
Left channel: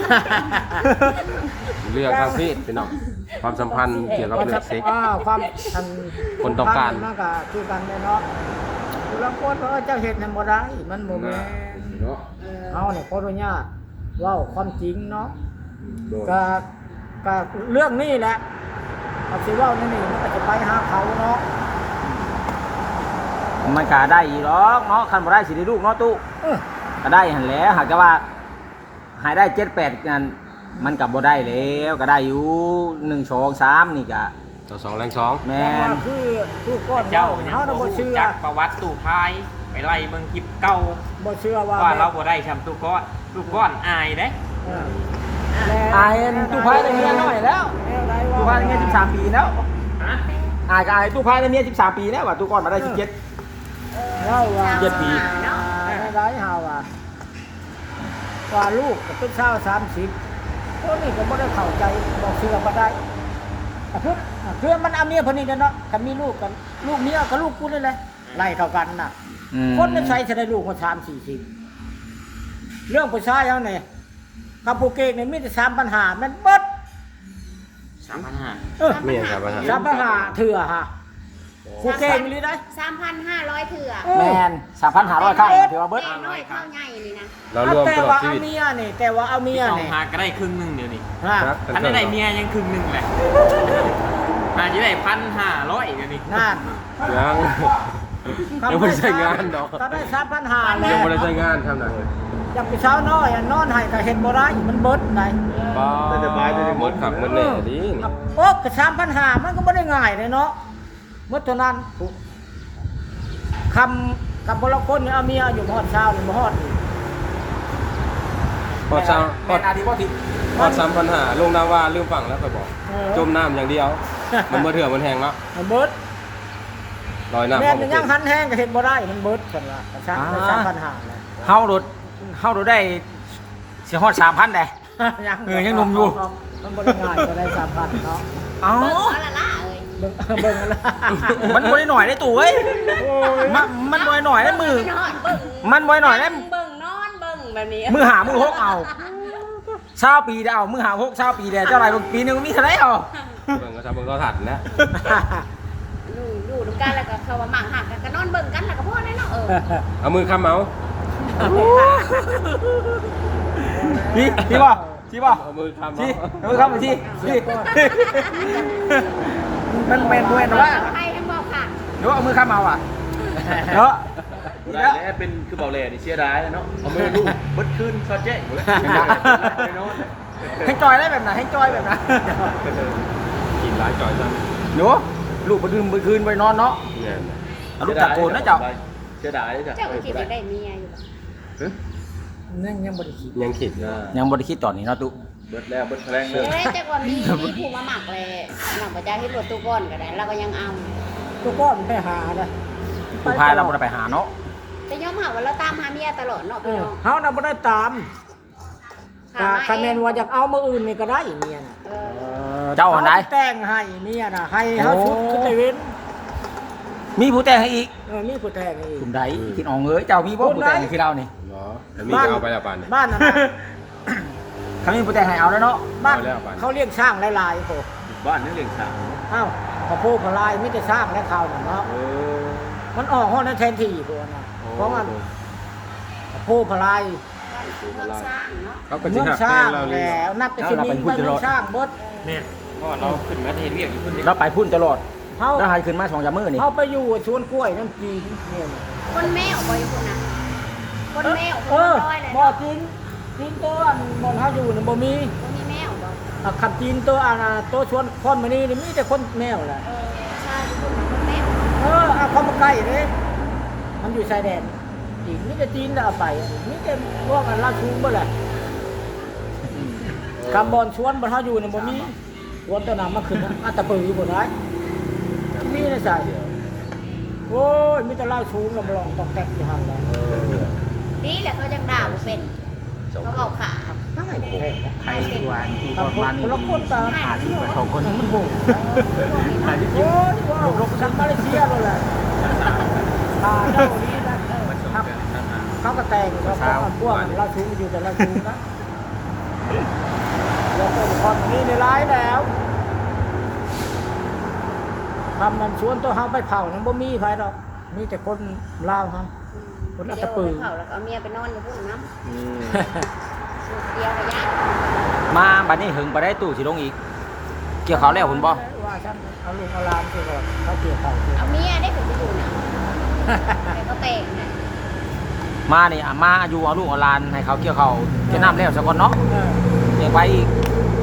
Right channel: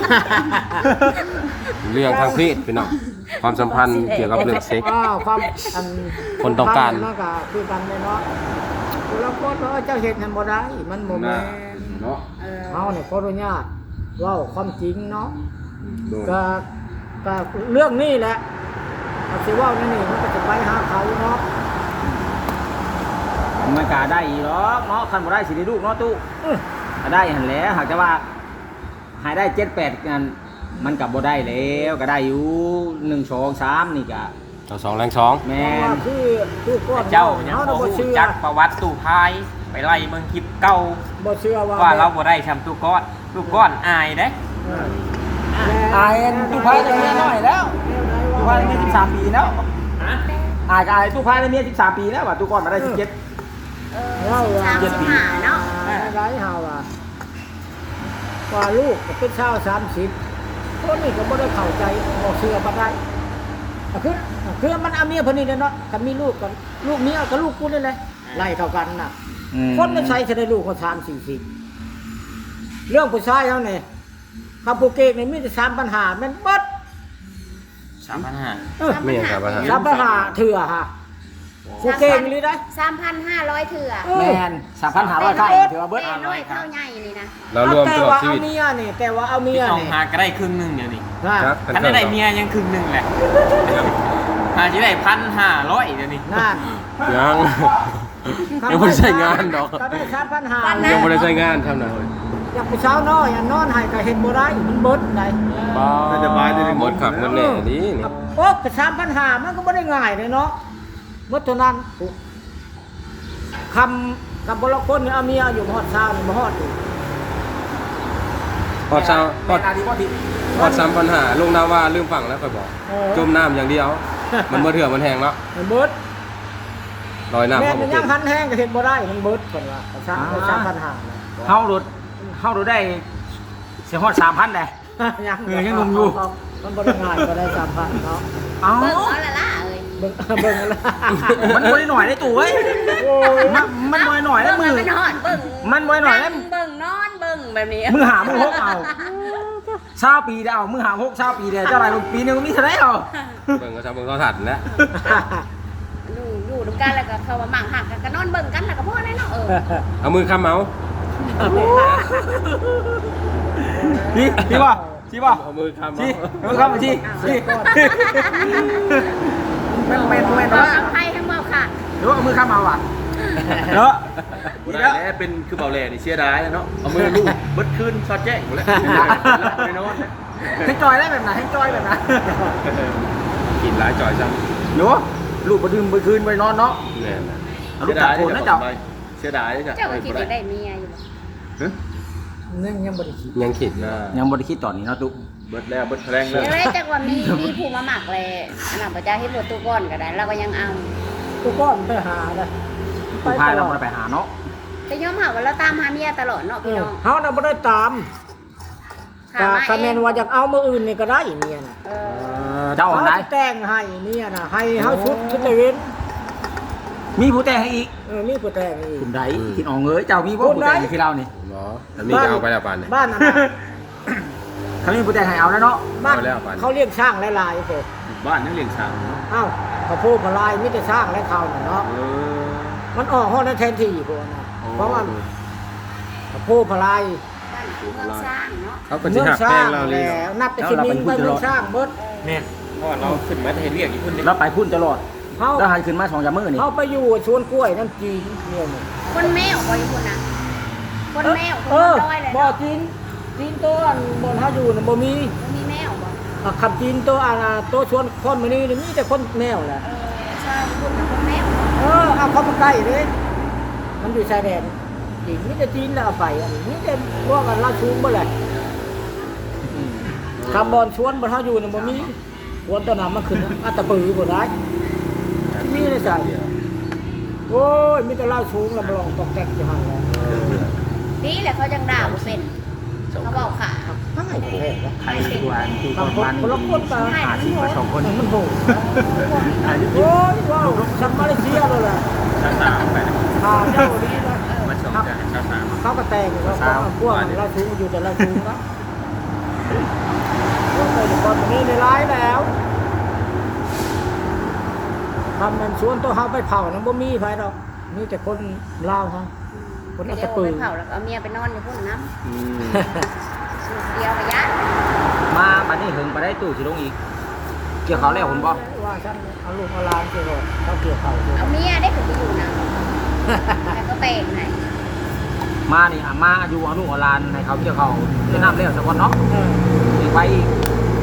[SPEAKER 5] เรื่องทางเพศเป็นเนาะความสัมพันธ์เกี่ยวกับเรื่องเซ็กส์
[SPEAKER 1] อ้าวความอัน
[SPEAKER 5] คนต้องการ
[SPEAKER 1] มันก็คือกันเลยเนาะผู้รับโทษว่าเจ้าเฮ็ดนั่นบ่ได้มันบ่แม่น
[SPEAKER 6] เนาะ
[SPEAKER 1] เฮาเนี่ยขออนุญาตเว้าความจริงเนาะก็ก็เรื่องนี้แหละก็สิเว้านั่นนี่มันก็จะไปหาเขาเนาะ
[SPEAKER 3] มันก็ได้อีหรอกเนาะคันบ่ได้สิได้ลูกเนาะตู้
[SPEAKER 1] เออ
[SPEAKER 3] ก็ได้หั่นแหละหากแต่ว่าหายได้เจ็ดแปดนั่นมันก็บ่ได้แล้วก็ได้อยู่หนึ่งสองสามนี่ก็
[SPEAKER 5] ต่อสองแรงสอง
[SPEAKER 3] แม่
[SPEAKER 1] แต่ว่าน คือทุกก้อน
[SPEAKER 4] เจ้า
[SPEAKER 1] เฮาน่ะบ่เชื่อ
[SPEAKER 4] จักประวัติตู้พายไปไล่เบิ่งคลิปเก่า
[SPEAKER 1] บ่เชื่อว่า
[SPEAKER 4] ว่าเรา
[SPEAKER 1] แบบ
[SPEAKER 4] บ่ได้แชมป์ตู้ก้อนตู้ก้อนอายเด้
[SPEAKER 1] เออ
[SPEAKER 3] อายอันตู้พายได้เมียน้อยแล้วตู้พายได้เมียสิบสามปีแล้วอายก็อายตู้พายได้เมียสิบสามปีแล้วว่าตู้ก่อนมาได้สิบเจ็ด
[SPEAKER 1] เว้าว่า
[SPEAKER 3] เจ็ดปี
[SPEAKER 2] เนาะ
[SPEAKER 1] ได้เฮาว่าว่าลูกก็เป็นชาวสามสิบคนนี้ก็บ่ได้เข้าใจบ่เชื่อบ่ได้อ่ะคืออ่ะคือมันเอาเมียเพิ่นนี่แหละเนาะคันมีลูกกันลูกเมียกับลูกกูนี่แหละไล่เท่ากันน่ะ
[SPEAKER 3] อืม
[SPEAKER 1] คนในใช้จะได้ลูกคนสามสี่สิบเรื่องผู้ชายเขาเนี่ยคำพูเก่งเนี่ยมีแต่สามปัญหามันเบิด
[SPEAKER 4] สามพันห้า
[SPEAKER 1] เออ
[SPEAKER 5] ไม่ยังครับว่าฮะ
[SPEAKER 1] สามปัญหาเถื่อฮะผู้เก่งเลยได้
[SPEAKER 2] สามพันห้าร้อยเถื่อ
[SPEAKER 1] เออ
[SPEAKER 3] แมนสามพันหาร้อยค่ายถือว่าเบิด
[SPEAKER 2] แต่น้อยเท่าใหญ่นี่นะ
[SPEAKER 5] เรารวม
[SPEAKER 1] แต่
[SPEAKER 5] ตลอด
[SPEAKER 1] ว่า
[SPEAKER 5] ชี
[SPEAKER 1] เอา
[SPEAKER 5] วิต
[SPEAKER 1] เมียนี่แต่ว่าเอาเมีย
[SPEAKER 4] เอา
[SPEAKER 1] นี่
[SPEAKER 4] หาก็ได้ครึ่งหนึงเดี๋ยวนี้
[SPEAKER 1] ฮะ
[SPEAKER 5] จัก
[SPEAKER 4] คันได้เมียยังครึ่งหนึงแหละหาจะได้พันห้าร้อยเดี๋ยวนี้
[SPEAKER 1] นั่น
[SPEAKER 5] ยังยังไม่ได้ใช้งานดอก
[SPEAKER 1] ตอนนี้สามพันห้า
[SPEAKER 5] ยังไม่ได้ใช้งานเท่านั้น
[SPEAKER 1] อยากผู้สาวน้อยอันนอนให้ก็เฮ็ดบ่ได้มันเบิดได้
[SPEAKER 5] บ้าหมดขับหมดแน่นี่นี่
[SPEAKER 1] โอ้ก็สามพันห้ามันก็บ่ได้ง่ายเลยเนาะเมื่อเท่านั้นคำกับบรคนนี่เอาเมียอยู่ฮอดเช้านี่บ่ฮอดอีก
[SPEAKER 5] พอดซ้ำพ
[SPEAKER 3] แม
[SPEAKER 5] อด
[SPEAKER 3] นอาดีพอที
[SPEAKER 5] พอดซ้ำปัญหาลงนาว่าลืมฝั่งแล้วค่อยบอก
[SPEAKER 1] โอ้
[SPEAKER 5] จมน้ำอย่างเดียว มันบ่เถื่อมันแห้งแล้ว
[SPEAKER 1] มันเบิด
[SPEAKER 5] ลอยน้ำ
[SPEAKER 1] แม่
[SPEAKER 5] เข้า
[SPEAKER 1] มั
[SPEAKER 5] บ่
[SPEAKER 1] น
[SPEAKER 5] เป็
[SPEAKER 1] ยั
[SPEAKER 5] น
[SPEAKER 1] งหันแห้งก็เฮ็ดบ่ได้มันเบิดเพิ่นว่าสามสามพันห้าแล้ว
[SPEAKER 3] เฮาโดดเฮาโดดได้เสียฮอดสามพันได้
[SPEAKER 1] ยัง
[SPEAKER 3] เออยังหนุ่มอยู่
[SPEAKER 1] มันบ่ได้ง่ายบ่ได้สามพันเนาะ
[SPEAKER 3] เอ้า
[SPEAKER 2] เบิ่งเอาละล่ะเอ้ย
[SPEAKER 1] เบิ่งเบิ่งอะไร
[SPEAKER 3] มันบ่ได้หน่อยได้ตู่เอ้ย
[SPEAKER 1] โอ้ย
[SPEAKER 3] มันมันบ่ได้หน่อยได้มือ
[SPEAKER 2] เบิ่งมันฮอดเบิ่ง
[SPEAKER 3] มันบ่ได้หน่อยได้
[SPEAKER 2] เบิ่งนอนเบิ่งแบบนี้
[SPEAKER 3] มือหามือหกเอาเช้าปีเดียวมือหาหกเช้าปีเดียวเจ้าไรปีหนึงมีเท่าไหร่เอา
[SPEAKER 5] เบิ่งก็ทำเบิ่งก็ถัดแล้ว
[SPEAKER 2] อยู่อยู่ด้วยกันแล้วก็เขาว่าหมั่งหักกันก็นอนเบิ่งกันแล้วก็พอแล้วเนาะเออ
[SPEAKER 5] เอามือค้ำเอา
[SPEAKER 3] พี่พี่บ่พี่บ่
[SPEAKER 5] เอามือค้ำเอา
[SPEAKER 3] พี่เอามือเข้ามาที่พี่มันเป็นด้วย
[SPEAKER 2] เอา
[SPEAKER 3] เนาะ
[SPEAKER 2] ให้ทั้งเบ่ค่ะ
[SPEAKER 3] หรือว่าเอามือข้ามเอาอ่ะเนาะ
[SPEAKER 6] บ่
[SPEAKER 3] นี่
[SPEAKER 6] ได้
[SPEAKER 3] แล้ว
[SPEAKER 6] แล้วเป็นคือเบาแหล่นี่เสียดายเนาะเอามือลูบเบิดคืนซอดแจ้งหมดแล้วไปนอน
[SPEAKER 3] ให้จอยได้แบบไหนให้จอยแบบไหน
[SPEAKER 5] กินหลายจ่อยจัง
[SPEAKER 3] หนูลูกไปดื่มไปคืนไปนอนเนาะ
[SPEAKER 5] แน่นอน
[SPEAKER 3] เอาลูกตะโกนนะเจ้า
[SPEAKER 6] เสียดายจ้ะ
[SPEAKER 2] เจ้าก็คิดจะได้เมียอยู่บ่
[SPEAKER 6] ฮะ
[SPEAKER 1] นั่งยังบ่ได้คิด
[SPEAKER 5] ยังคิดอยู่
[SPEAKER 3] ยังบ่ได้คิดตอนนี้เนาะตุ๊
[SPEAKER 6] เบิดแล้วเบิดแรงเล
[SPEAKER 2] เดี๋ย
[SPEAKER 6] ยว
[SPEAKER 2] ได้จักว่ามีมีผู้มาหมักแลนำประจาให้รถตู้ก้อนก็ได้เราก็ยังเอา
[SPEAKER 1] กูก็ไปหาได้
[SPEAKER 3] ผู้พายเราบ่ได้ไปหาเนาะ
[SPEAKER 2] แต่ยอมหาว่าเราตามหาเมียตลอดเนาะ
[SPEAKER 1] เอ
[SPEAKER 2] พี่
[SPEAKER 1] อ
[SPEAKER 2] น้อง
[SPEAKER 1] เฮาน่ะบ่ได้ตาม
[SPEAKER 2] หา
[SPEAKER 1] ก็
[SPEAKER 2] มา
[SPEAKER 1] คะแนนว่าอยากเอามื้ออื่นนี่ก็ได้เมียน่ะ
[SPEAKER 2] เอ
[SPEAKER 3] เอ
[SPEAKER 2] อ
[SPEAKER 3] อเจ้าอันไหน
[SPEAKER 1] ขแต่งให้เมียน่ะให้เฮาชุดชุดตะเว้น
[SPEAKER 3] มีผู้แต่งให้อีก
[SPEAKER 1] เออมีผู้แต่งอีก
[SPEAKER 3] กลุ่มใดกินอ่องเอ้ยเจ้ามีบ่ผู้แต่งให้ที่เรานี่
[SPEAKER 5] เนาะแล้วมีก็เอาไปแล้วปานนี่
[SPEAKER 1] บ้านน่ะนะ
[SPEAKER 3] เขามีผู้แต่งให้เอาแล้วเนาะ
[SPEAKER 1] บ้าน
[SPEAKER 5] เอาแล้วบ้าน
[SPEAKER 1] เขาเลี้ยงช้างหลายๆโห
[SPEAKER 6] บ้านยังเลี้ยงช้าง
[SPEAKER 1] อ้าวพระโพพลายมีแต่ช้างและข้าวน่ะเนาะ
[SPEAKER 6] เออ
[SPEAKER 1] มันออกฮอดนั้นแทนที่พวกน่ะเพราะว่าพระโพพลาย
[SPEAKER 2] บ้านคือเมืองสร้างเนาะ
[SPEAKER 5] เขาก็สิ
[SPEAKER 1] เมือง
[SPEAKER 5] หัก
[SPEAKER 1] ส
[SPEAKER 5] แป้
[SPEAKER 1] ร้าง
[SPEAKER 5] งเราเลย
[SPEAKER 1] แล้วนับแต่สิมีไปเมืองสร้างเบิด
[SPEAKER 4] เนี่ยเพราะว่าเราขึ้นมาเห็นเรียกอีกคนหนึง
[SPEAKER 3] เราไปพุ่นตลอด
[SPEAKER 1] เฮา
[SPEAKER 3] แล้วให้ขึ้นมาสองสามมื้อนี่
[SPEAKER 1] เฮาไปอยู่สวนกล้วยน้ำจีนเนี่ยน่ะ
[SPEAKER 2] คนแมวบ่อยู่พุ่นน่ะคนแมว
[SPEAKER 1] เออ
[SPEAKER 2] คนร้อยเลย
[SPEAKER 1] บ่
[SPEAKER 2] เนาะ
[SPEAKER 1] จีนจีนตัวอันบนเฮาอยู่น่ะบ่มี
[SPEAKER 2] บ่มีแมวบ่
[SPEAKER 1] อ่ะคำจีนตัวอันน่ะตัวชวนคนมื้อนี้นี่มีแต่คนแมวแหละ
[SPEAKER 2] เออใช่พุ่นน่ะคนแมวบ่
[SPEAKER 1] เออเอาเข้ามาใกล้เลยมันอยู่ชายแดนจีนมีแต่จีนแล้วเอาไปอันนี้มีแต่พวกอันลาดชูงบ่แหละคำบอนชวนบนเฮาอยู่น่ะบ่มีชวนตัวนั้นมาขึ้นอัตตปือบ่ได้มีในสายเดียวโอ้ยมีแต่ลาดชูงแล้วบ่ลองตอกแตกอยู่หั่นแหละ
[SPEAKER 2] นี่แหละเขาจังด่าบ่เป็นเขาเว้าขา
[SPEAKER 1] ง่ายแท้นะ
[SPEAKER 3] ใครกวนที่
[SPEAKER 1] ค
[SPEAKER 3] ก่อน
[SPEAKER 1] น
[SPEAKER 3] วัน
[SPEAKER 1] คนละคนตา
[SPEAKER 3] หาสิบกว่าสองคน
[SPEAKER 1] มันโหดโอ้ยว้าวทำมาเลเซียเลยแหละพาเจ้าดีนะครับเขาก็แต่งเขาก็พวกเราชูอยู่แต่เราชูนะเราแต่ละคนนี้ในร้ายแล้วทำมันชวนตัวเขาไปเผานะบ่มีไฟดอกมีแต่คนลาวเขาคนอัต
[SPEAKER 2] เดี๋ยว
[SPEAKER 1] ปื
[SPEAKER 2] ไป
[SPEAKER 1] น
[SPEAKER 2] เผาแล้วเอาเมียไปนอนอยู่พุ่นน้ำ
[SPEAKER 5] อืม
[SPEAKER 2] สูตรเดียวระยะ
[SPEAKER 3] มาบัดนี้หึงไปได้ตู้สิลงอีก เกี่ยวเขาแล้วคุณบ่
[SPEAKER 1] ว่าฉันเอาลูกเอาหลานเกี่ยวกับเขาเกี่ยวเขาเกี่ยว
[SPEAKER 2] เอาเมียได้ถึงไปอยู่นะแต่ก็แต่งให้
[SPEAKER 3] มานี่อามาอยู่เอาลูกเอาหลานให้เขาเกี่ยวเขาเจะนำแล้วสักคนเนาะ
[SPEAKER 1] เออ
[SPEAKER 3] เดี๋ยวไปอีก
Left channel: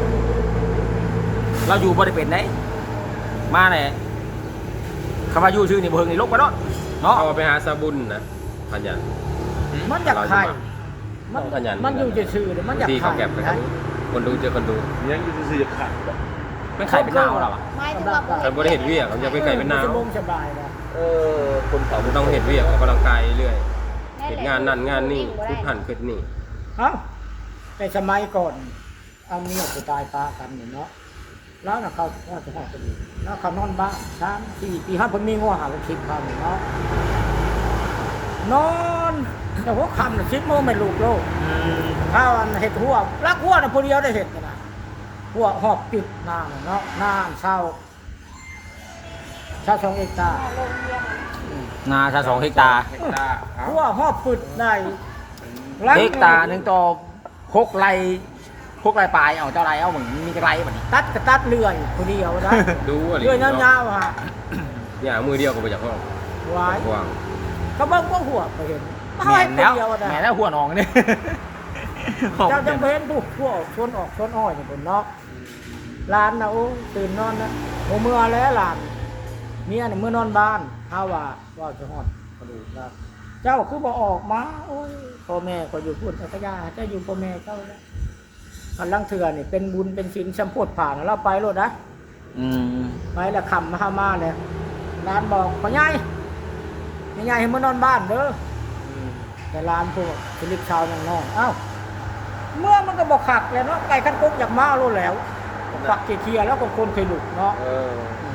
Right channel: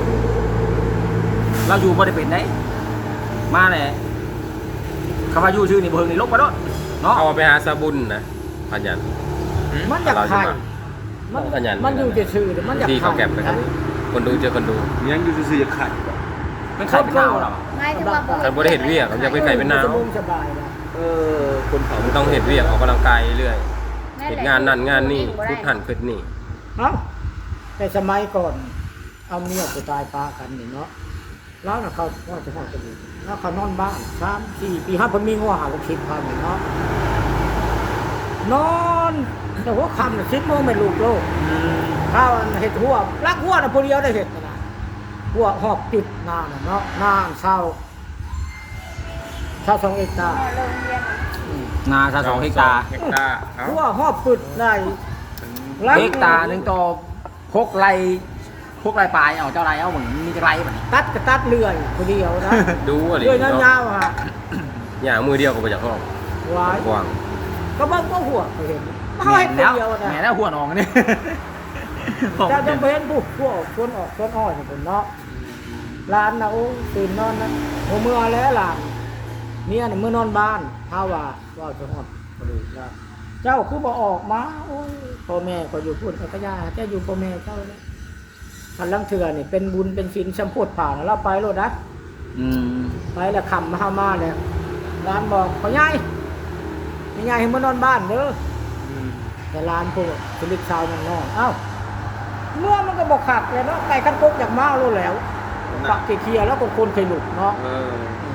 [SPEAKER 3] เราอยู่บ่ได้เป็นไหนมาเนี่ยคำว่าอยู่ชื่อนี่บ่เฮิงนี่ลบไปเนาะเนาะ
[SPEAKER 5] เอาไปหาสาบุญนะพันยัน
[SPEAKER 1] มันอยากไข่มัน
[SPEAKER 5] ขยัน
[SPEAKER 1] มันอยู่จะซื่อๆมันอยาก
[SPEAKER 5] ที่
[SPEAKER 1] ไข่
[SPEAKER 5] เขาแก็บไปครับคนดูเจอคนดู
[SPEAKER 6] ยังอยู่ซื่อๆจะไข่
[SPEAKER 3] มันขายเป็นนาวเราอะ
[SPEAKER 2] ไม่ถึงว่า
[SPEAKER 5] การบริเหตุเวียกเขาจะไปไก่เป็นนาว
[SPEAKER 1] สบายสบายนะ
[SPEAKER 6] เออคนเขา
[SPEAKER 5] มันต้องเห็นเวียกออกกำลังกายเรื่อยเห็นงานนั่นงานนี่พุทหันขึ้นนี่
[SPEAKER 1] เอ้าแต่สมัยก่อน เอาเมียจะตายปากันอยู่เนาะแล้วนะเขาว่าจะหอดกันอยู่แล้วเขานอนบ้านสามสี่ปีห้าผมมีงัวหาลูกศิษย์เขาอยู่เนาะนอนแต่ว่าคำน่ะสิบโมงไม่ลูกโลกถ้าวันเห็ดหัวรักหัวนะผู้เดียวได้เห็ดนะหัวหอบติดหน้าน่ะเนาะหน้าอันเศร้าชาวสองเอกตา
[SPEAKER 2] โรงเรียน
[SPEAKER 3] นาชาสองเฮกตาร์
[SPEAKER 6] เฮกตาร์เอา
[SPEAKER 1] หัวหอบปึดได้
[SPEAKER 3] เฮกตาร์หนึ่งต่อพกไรพกไรปลายเอาเจ้าไรเอาเหมือนมีไรแบบนี้
[SPEAKER 1] ตัดก็ตัดเลื่อนคนเดียวนะ
[SPEAKER 5] ดูอะไร
[SPEAKER 1] เลื่อนยาวๆฮะ
[SPEAKER 5] อย่างมือเดียวก็ไปจากห้อง
[SPEAKER 1] ไว้
[SPEAKER 5] กว้าง
[SPEAKER 1] ก็เบิ่งก็หัวก็เห็น
[SPEAKER 3] แห
[SPEAKER 1] ไม่
[SPEAKER 3] น
[SPEAKER 1] คน
[SPEAKER 3] แล้ว
[SPEAKER 1] เดียวนะ
[SPEAKER 3] แหนแล้วหัวหนองนี่
[SPEAKER 1] เจ้าต้องไปเห็นผู้ผู้ออกชวนออกชวนอ้อยเป็นเนาะร้านนะโอ้ตื่นนอนเนาะโอ้เมื่อแล้วหลานเนี่ยน่ะเมื่อนอนบ้านเฮาว่าว่าจะฮอดกระดูกแล้วเจ้าคือบ่ออกมาโอ้ยพ่อแม่ก็อยู่พูดพระยาเจ้าอยู่พ่อแม่เจ้าแล้วคันลังเถื่อนี่เป็นบุญเป็นศีลสัมโพธิผ่านแล้วไปโลดนะ
[SPEAKER 3] อืม
[SPEAKER 1] ไปแล้วคำมาเฮามาเลยร้านบอกพ่อใหญ่พ่อใหญ่ให้มานอนบ้านเด้อแต่ร้านพวกสลิปชาวนั่งน้องเอ้าเมื่อมันก็บอกขัดแล้วเนาะไก่คันกกจากมาโลดแล้วปักเกียร์แล้วก็คนเคยหลุดเนาะ
[SPEAKER 5] เออ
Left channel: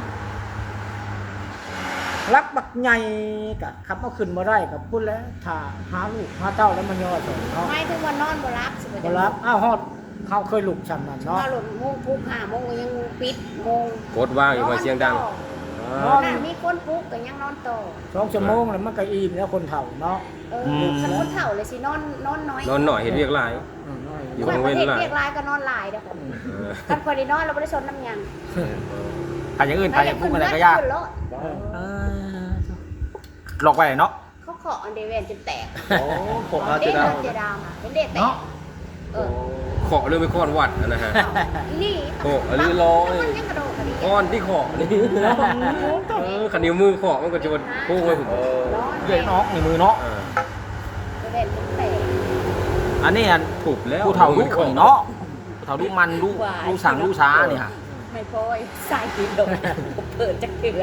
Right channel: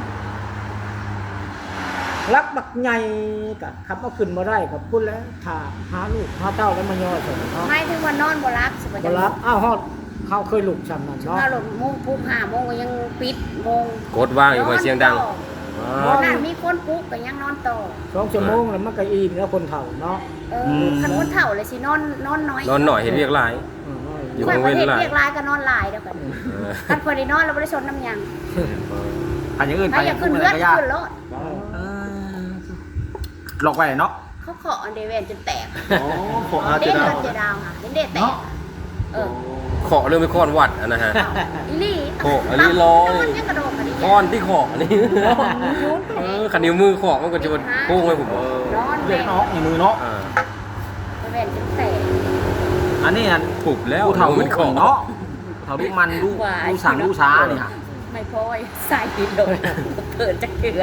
[SPEAKER 1] รักบักใหญ่กับคำเอาขึ้นมาได้กับพูดแล้วถ้าหาลูกหาเต้าแล้วมันย่อใส่เนาะ
[SPEAKER 2] ไม่ถึงวันนอนบ่รับสิ
[SPEAKER 1] ก็รับอ้าวฮอดเขาเคยลูกชำนั่นเนาะ
[SPEAKER 2] ถ้าหลุดโมงปุ๊บห้าโมงก็ยังปิดโมง
[SPEAKER 5] กดว่างอยู่ไว้เสียงดัง
[SPEAKER 1] นอน
[SPEAKER 2] นั่นมีคนปุ๊บก็ยังนอนต่อ
[SPEAKER 1] สองชั่วโมงแล้วมันก็อิ่มแล้วคนเฒ่าเนาะ
[SPEAKER 2] เออขันคนเฒ่าเลยสินอนนอนน้อย
[SPEAKER 5] นอนหน่อยเห็นเรียกหลาย
[SPEAKER 1] อืม
[SPEAKER 5] อยู่
[SPEAKER 2] เมื่อ
[SPEAKER 5] โรง
[SPEAKER 2] ประ
[SPEAKER 5] เรียน
[SPEAKER 2] เทศ
[SPEAKER 5] หลาย
[SPEAKER 2] เรียกลายก็นอนหลายเด้อกัน
[SPEAKER 5] เออ
[SPEAKER 2] กันพอได้นอนเราไม่ได้ชนน้ำยัง
[SPEAKER 3] ใครอย่างอื่นไป
[SPEAKER 2] ถ้าอ
[SPEAKER 3] อย่าย
[SPEAKER 2] าง ก
[SPEAKER 3] พู
[SPEAKER 2] ขึ้
[SPEAKER 3] ด
[SPEAKER 2] น
[SPEAKER 3] อะไร
[SPEAKER 2] เลือด
[SPEAKER 3] ก็ยาก
[SPEAKER 2] ขึ้นรถ
[SPEAKER 3] เออหลอกไปเนาะ
[SPEAKER 2] เขาเคาะอันเดเวนจนแตก
[SPEAKER 6] พวกอา
[SPEAKER 2] เด็
[SPEAKER 6] เจ
[SPEAKER 2] ด
[SPEAKER 6] ดา
[SPEAKER 2] เลือดเจดาวค่ะเห็นเด็ดแตก
[SPEAKER 3] เนาะ
[SPEAKER 2] เออ
[SPEAKER 5] ขอเรื่องไม่คอนวัดอะนะฮะ
[SPEAKER 2] อีลี่
[SPEAKER 5] โอ้อันนี้ร้อย
[SPEAKER 2] ต้องยังกระโดดกระดิ่ง
[SPEAKER 5] ก้อนที่ขอนี่เออขันนิ้วมือขอมันก็จะมาโค้งไว้ผม
[SPEAKER 2] ร้อน
[SPEAKER 3] เด็กเนาะในมือเนาะ
[SPEAKER 5] อ่า
[SPEAKER 2] เดเวนจนแตก
[SPEAKER 3] อันนี้อัน
[SPEAKER 5] ถูกแล้ว
[SPEAKER 3] ผู้เฒ่าลู
[SPEAKER 5] เป็น
[SPEAKER 3] ก
[SPEAKER 5] ของ
[SPEAKER 3] เนาะผู้เฒ่าลูกมันลูกลูกสั่งลูกช้านี่ค่ะ
[SPEAKER 2] ไม่พอยใส่อีกเลยเปิดจะเกลือ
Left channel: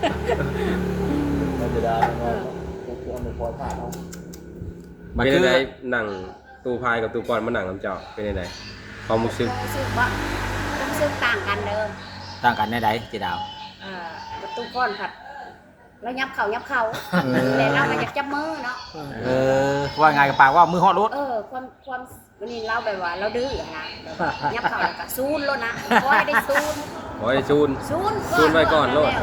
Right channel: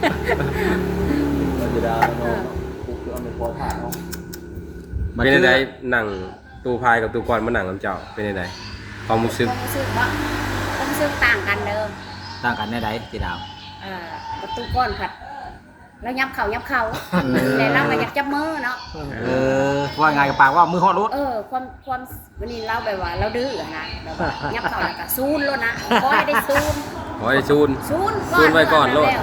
[SPEAKER 6] อาเจดา
[SPEAKER 2] เอ
[SPEAKER 6] เนาะ
[SPEAKER 2] อ
[SPEAKER 6] พวกเครื่องไม่พอผ่านเนาะ
[SPEAKER 5] เป็นยังไงหนังตูพายกับตูกรมาหนังกับเจ้าเป็นยังไงความรู้สึก
[SPEAKER 2] ความรู้สึกว่าความรู้สึกต่างกันเด้อ
[SPEAKER 3] ต่างกันในใดเจดาว
[SPEAKER 2] เอ่อประตูก้อนผัดแล้วยับเข่ายับเข่าแต่เรามันยับจับมือเนาะ
[SPEAKER 3] เออว่าไงกับปากว่ามือฮอดรถ
[SPEAKER 2] เออความความวันนี้เราแบบว่าเราดื้อนะแบบว่ายับเข่าแล้วก็ซูนแล้วนะก็ไม่ได้ซูน
[SPEAKER 5] ขอให้ซูน
[SPEAKER 2] ซูน
[SPEAKER 5] ซูนไว้ก่อนโลด
[SPEAKER 2] แล้ว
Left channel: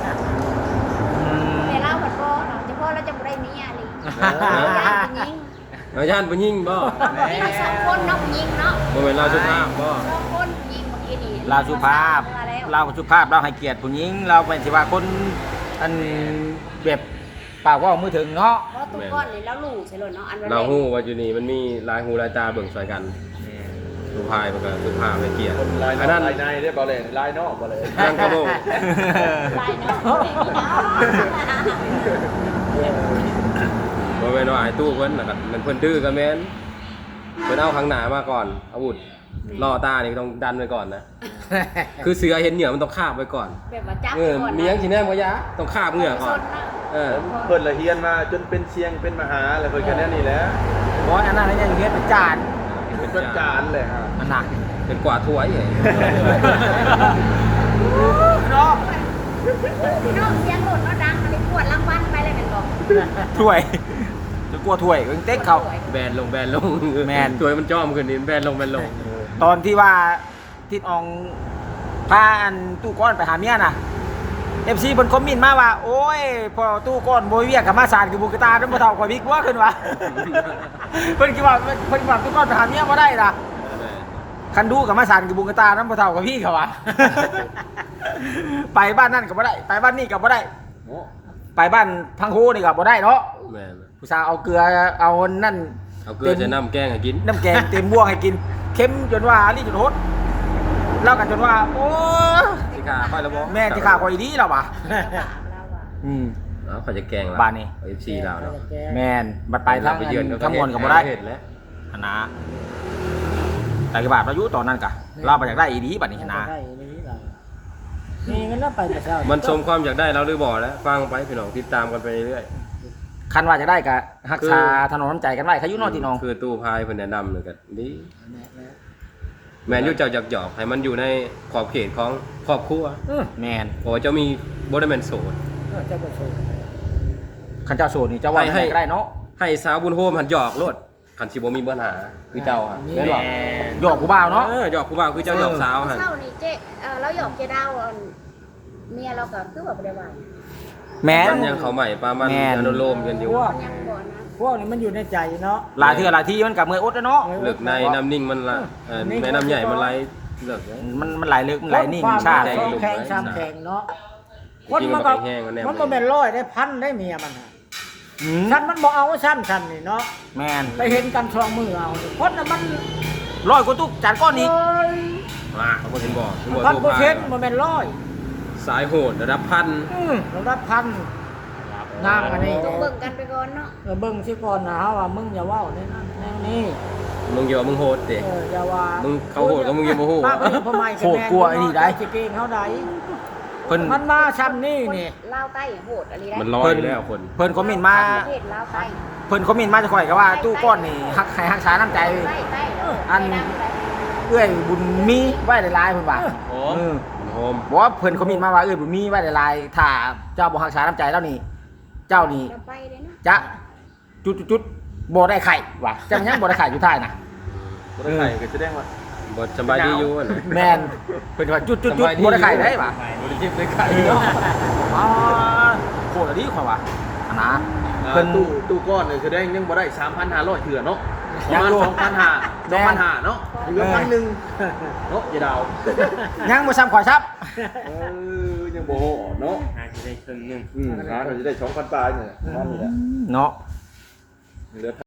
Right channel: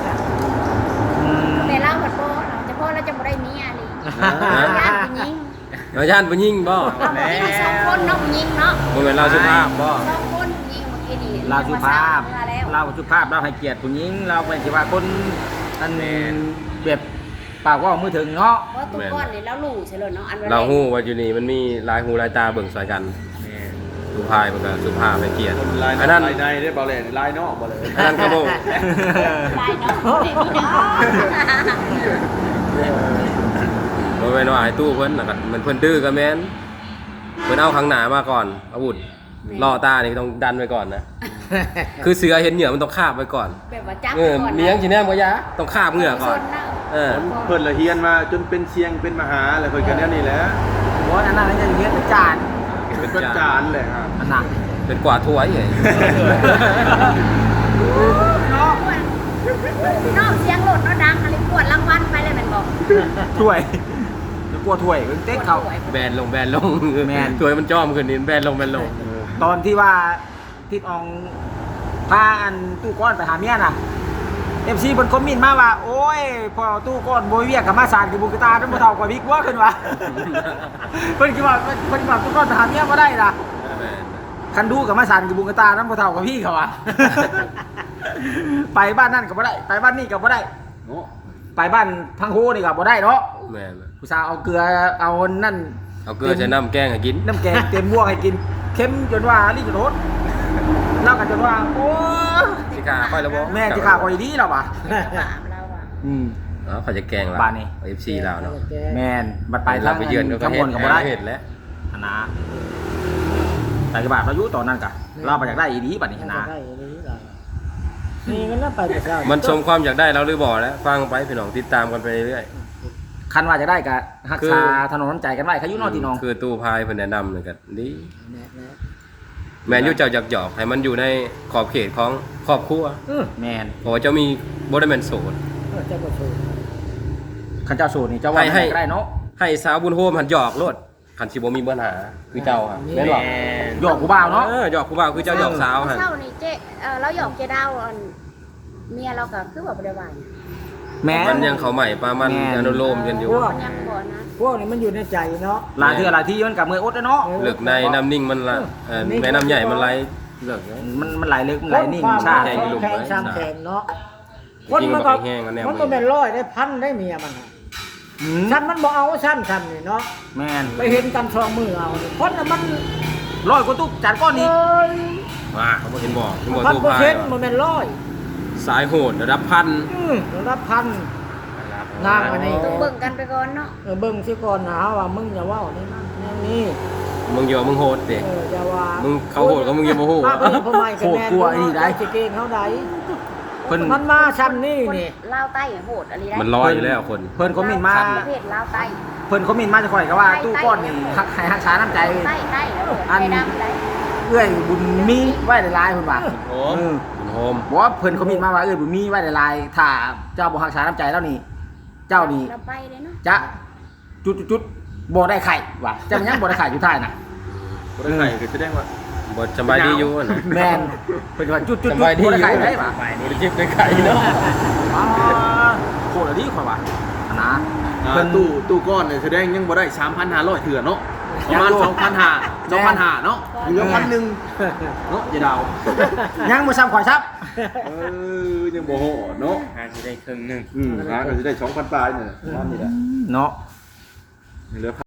[SPEAKER 2] แต่เราผัดโบเราจะพ่อเราจะบ่ได้เมียเลยเราย่านผู้หญิง
[SPEAKER 5] เราย่านผู้หญิงบ่
[SPEAKER 2] มีเราสองคนเนาะผู้หญิงเนาะ
[SPEAKER 5] บ่เป็นเราสุภาพบ่
[SPEAKER 2] สองคนผู้หญิงเมื่อกี้นี่
[SPEAKER 3] เราสุภาพ
[SPEAKER 2] มาแล้ว
[SPEAKER 3] เราสุภาพเราให้เกียรติผู้หญิงเราเป็นสิว่าคนอันเก็บปากว่ามือถึงเนาะ
[SPEAKER 2] เพราะตัวก้อนนี่เรารู้ใช่เลยเนาะอันวันแร
[SPEAKER 5] เรา
[SPEAKER 2] ก
[SPEAKER 5] ฮู้ว่าอยู่นี่มันมีลายหูลายตาเบิ่งใส่กันสุภาพมันก็สุภาพให้เกียรติ
[SPEAKER 6] ลาย
[SPEAKER 5] อันนั้น
[SPEAKER 6] ลายในได้บ่เลยลายนอกบ่เลย
[SPEAKER 5] อันนั้นก็บ่
[SPEAKER 2] ลายเนาะเด็กพี่น้อง
[SPEAKER 5] บ่แม่นว่าให้ตู้เพิ่นน่ะก็มันเพิ่นดื้อก็แม่นเพิ่นเอาข้างหน้ามาก่อนอาวุธล่อตานี่ต้องดันไว้ก่อนนะ คือเสือเห็นเหยื่อมันต้องคาบไว้ก่อน
[SPEAKER 2] แบบว่าจับ
[SPEAKER 5] เออมีหยังสิแนมก็ยะต้องคาบเหงื่อก่อน เออ
[SPEAKER 6] เพิ่นละเฮียนมาจนเป็นเสียงเป็นมหาอะไรเพิ่นกันแน่นี่แหละ
[SPEAKER 3] บอสอันนั้นเนี่ยอย่างเงี้ยเป็นจาน
[SPEAKER 6] เป็นประจานเลยครับ
[SPEAKER 3] อันนั้น
[SPEAKER 5] เป็นกว่าถ้วยไง
[SPEAKER 2] พี่น้องเสียงโหลดเนาะดังอะไรปวดรางวัลไปเลยแมันบอก
[SPEAKER 3] ถ้วยจะกลัวถ้วยเพิ่งเต็กเขา
[SPEAKER 5] แบนลงแบนลง
[SPEAKER 3] แบน
[SPEAKER 5] ถ้วยมันจ้อมขึ้นนี่แบนลงแบนลง
[SPEAKER 3] ตอนที่ว่าทิดอองพาอันตู้ก้อนไปหาเมียน่ะเอฟซีบนคอมเมินต์มาว่า โอ้ยพอตู้ก้อนโบยเวียกกับมาสานกับบุกตาเป็นบ่เท่ากว่าบิ๊กว่าขึ้นว่า เพิ่นคิดว่าเพิ่นคิดว่าตู้ก้อนไปหาเมียบ่ได้ล่ะคันดูกับมาสานกับบุกตานั้นบ่เท่ากับพี่เขาว่า ไปบ้านนั่นก็บ่ได้ ไปบ้านนี่ก็บ่ได้ ไปบ้านพังโฮนี่ก็บ่ได้เนาะ
[SPEAKER 5] แม่น
[SPEAKER 3] ผู้สาวเอาเกลือเอานั่น
[SPEAKER 5] เอาเกลือจะน้ำแกงให้กิน
[SPEAKER 3] น้ำแกงเต็มม่วงให้กินเค็มจนว่านี่จนโหดเล่ากันจนว่าโอ้ย
[SPEAKER 5] สิขาค่อยแล้วบ่
[SPEAKER 3] แม่ที่ขาคอยดีแล้วว่ะ
[SPEAKER 2] บาปเราอะ
[SPEAKER 3] อืม
[SPEAKER 5] อ๋อเขาจะแกงเรา
[SPEAKER 3] บ้านนี่
[SPEAKER 5] เอฟซีเราเนาะ
[SPEAKER 3] แมนบัดไปทั้ง
[SPEAKER 5] ไปเยือน
[SPEAKER 3] ทั้งมวลกับบ่ได้
[SPEAKER 5] เห็นแล้ว
[SPEAKER 3] นะไปกระบาดเราอยู่ตอนนั้นกะเราไปอยากได้อีดีบัดนี้นะ
[SPEAKER 1] ได้เลยได้นี่มันน่าไปแต่เช้า
[SPEAKER 5] มันสมความอยากได้เราหรือบ่แล้วฟังไปพี่น้องติดตามกันไปเรื่อย
[SPEAKER 3] คันว่าจะได้กะรักษาถนนใจกันไว้ขายุนอที่น้อง
[SPEAKER 5] คือตู้พายเพิ่นแนะนำเลยก็ดี
[SPEAKER 1] แน่แล้ว
[SPEAKER 5] แม่นอยู่เจ้าอยากหยอกให้มันอยู่ในขอบเขตของครอบครัว
[SPEAKER 1] เออ
[SPEAKER 3] แมน
[SPEAKER 5] เพราะว่าเจ้ามีบ่ได้แม่นโสด
[SPEAKER 1] เออเจ้าบ่เคย
[SPEAKER 3] คันเจ้าโสดนี่เจ้าว่า
[SPEAKER 5] ให้ให้
[SPEAKER 3] ก็ได้เนาะ
[SPEAKER 5] ให้สาวบุญโฮมหันหยอกโลดคันสิบ่มีปัญหาคือเจ้าอ่ะแม่นบ่
[SPEAKER 3] หยอกกูบ่าวเนาะ
[SPEAKER 5] เออหยอกผู้บ่าวคือเจ้าหยอกสาวหั่น
[SPEAKER 2] เศร้านี่เจ๊เออเราหยอกเจดาวอันเมียเราก็คือว่าบ่ได้ว่า
[SPEAKER 3] แม่
[SPEAKER 5] มัน นยังเขาใหม่ปลามัน
[SPEAKER 3] แม่น
[SPEAKER 5] อนุโลมกันอยู่
[SPEAKER 1] พวก
[SPEAKER 2] ยังบ่นะ
[SPEAKER 1] พวกนี้มันอยู่ในใจเนาะ
[SPEAKER 3] หลายเทื่อหลายที่มันกับมืออดแล้วเนาะ
[SPEAKER 5] เลือกในน้ำนิ่งมันละเอ่อในน้ำใหญ่มันไหลเลือกเลย
[SPEAKER 3] มันมันหลายลึกมันหลายนิ่ง
[SPEAKER 1] ความ
[SPEAKER 3] ใช่
[SPEAKER 5] ใจ
[SPEAKER 1] แข็ง
[SPEAKER 5] หลุมไว้
[SPEAKER 1] แข็งแข็งเนาะ
[SPEAKER 5] จริงๆมันก็ไปแห้งกันแนว
[SPEAKER 1] มัน
[SPEAKER 5] มื
[SPEAKER 1] ก็
[SPEAKER 5] อ
[SPEAKER 1] เป็นร้อยได้พันได้เมียมันน่ะ
[SPEAKER 3] อืม
[SPEAKER 1] สั้นมันบ่เอาสั้นสั้นนี่เนาะ
[SPEAKER 3] แม่น
[SPEAKER 1] ไปเห็นกันสองมือเอานี่คนน่ะมัน
[SPEAKER 3] ร้อยกว่าตุ๊กจานก้อนนี้
[SPEAKER 1] เอ้ย
[SPEAKER 5] อ่าเห็นบ่เห็นบ่
[SPEAKER 1] พัน
[SPEAKER 5] ตู้
[SPEAKER 1] เปอร์
[SPEAKER 5] พาย
[SPEAKER 1] เซ็นต์มันเป็นร้อย
[SPEAKER 5] สายโหดระดับพัน
[SPEAKER 1] อือระดับพันนางอันนี้
[SPEAKER 2] ต้องเบิ่งกันไปก่อนเนาะ
[SPEAKER 1] เออเบิ่งซิก่อนนะว่ามึงอย่าเว้านี่นะนี่
[SPEAKER 5] มึงอย่าว่ามึงโหดเด็
[SPEAKER 1] เอออย่าว่า
[SPEAKER 5] มึงเขาโหดก็มึงอย่ามาโหด
[SPEAKER 1] ป้าก็พ่อใหม่ก็แม่นสิเก่งเฮาได้
[SPEAKER 3] เพิ่น
[SPEAKER 1] มันมาซ้ำนี่นี่
[SPEAKER 2] ลาวใต้โหดอะไรได้
[SPEAKER 5] มันลอยอยู่แล้วคน
[SPEAKER 3] เพิ่นคอมเมนต์มา
[SPEAKER 2] ประเทศลาวใต้
[SPEAKER 3] เพิ่นคอมเมนต์มาจะข่อยก็ว่าตู้ก้อนนี่ฮักให้ฮักษาน้ำใจ
[SPEAKER 2] ใต้ใต้แล้ว
[SPEAKER 3] อัน
[SPEAKER 2] ไปดังได้
[SPEAKER 3] เอื้อยบุญมีไว้หลายๆเพิ่นว่า
[SPEAKER 4] โอ้
[SPEAKER 3] เออ
[SPEAKER 5] มันโฮม
[SPEAKER 3] บอกว่าเพิ่นคอมเมนต์มาว่าเอื้อยบุญมีไว้หลายๆถ้าเจ้าบ่ฮักษาน้ำใจแล้วนี่ เจ้านี่
[SPEAKER 2] เราไปเลยเนาะ
[SPEAKER 3] จะจุดๆๆบ่ได้ไข่ว่ะเจ้ามันยังบ่ได้ไข่อยู่ท้ายน่ะ
[SPEAKER 6] บ่ได้ไข่ก็แสดงว่า
[SPEAKER 5] บทสบายดีอยู่นะ
[SPEAKER 3] แม่นเพิ่นว่าจุดๆๆ
[SPEAKER 5] สบายดี
[SPEAKER 3] บ่ได้ไข่ได้ว่ะ
[SPEAKER 4] ไปนี่
[SPEAKER 5] จิบได้ไข่เนาะ
[SPEAKER 3] อ๋อโคตรดีข่อยว่านะ
[SPEAKER 6] อ่า
[SPEAKER 3] เพิ่น
[SPEAKER 6] ตู้ตู้ก้อนเนี่ยแสดงยังบ่ได้สามพันห้าร้อยเถื่อเนาะประมาณ
[SPEAKER 3] ยังอยู่
[SPEAKER 6] สองพันห้า สองพันห้าเนาะเหลือพันหนึ่งเนาะอย่าเดา
[SPEAKER 3] ยังบ่ซ้ำข่อยซับ
[SPEAKER 6] เออยังบ่โหเนาะ
[SPEAKER 4] หาสิได้ครึ่งหนึง
[SPEAKER 6] อืมนะก็จะได้สองพันปลายเนี่ยนี่แหละ
[SPEAKER 3] เนาะ
[SPEAKER 6] เหลือ